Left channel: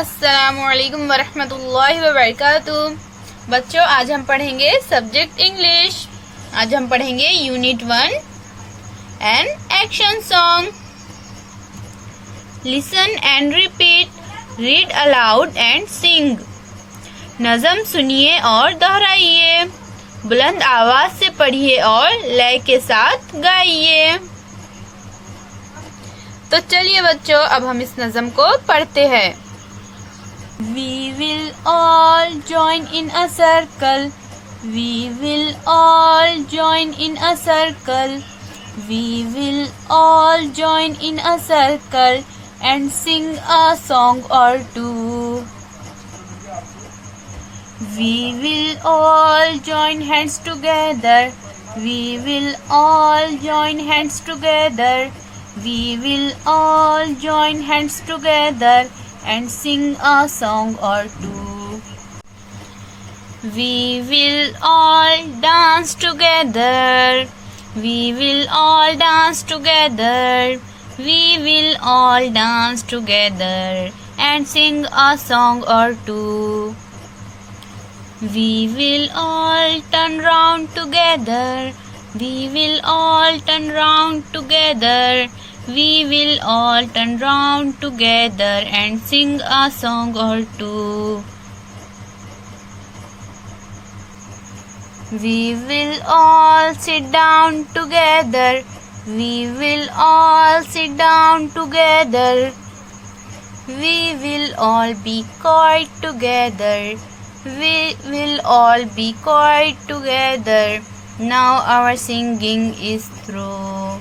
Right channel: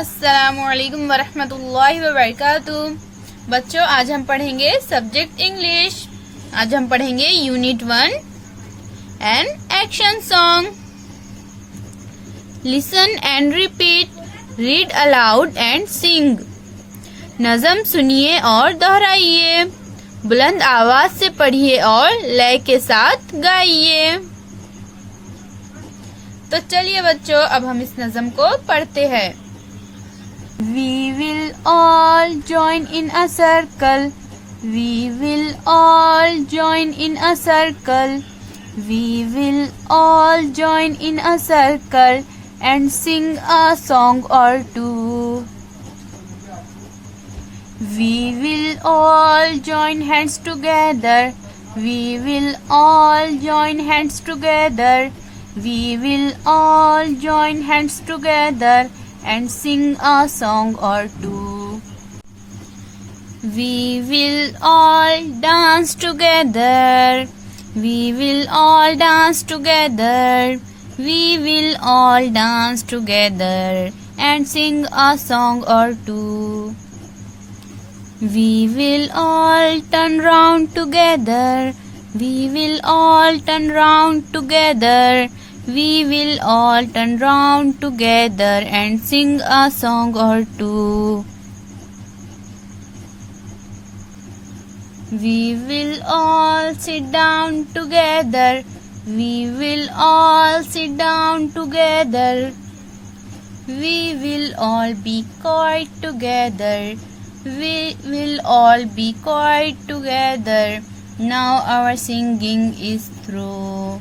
अस्सलामुअलैकुम वरहमतुल्लाहि वबरकातुहू। बच्चों, आज हम पढ़ेंगे सब्जेक्ट इंग्लिश। आज हम पढ़ेंगे unit 1 and action song. Listen and repeat, read aloud and सिंग। नज़म सुनिए और दोहराइए, बुलंद आवाज से पढ़िए और लय के साथ गाइए। तो चलिए बच्चों, अब हम इस नज़म को पढ़ते हैं। We will all join in a circle. We will all join in a circle. We will all join in a circle and sing a song or two. We will all join hands together. We will all join hands together. We will all join hands together and sing a song or two. We will all dance together. We will all dance together. We will all dance together and sing a song or two. We will all turn round together. We will all turn round together. We will all turn round together and sing a song or two. We will all sit down together. We will all sit down together. We will all be quiet together. We will all be quiet together. Now our singing is through.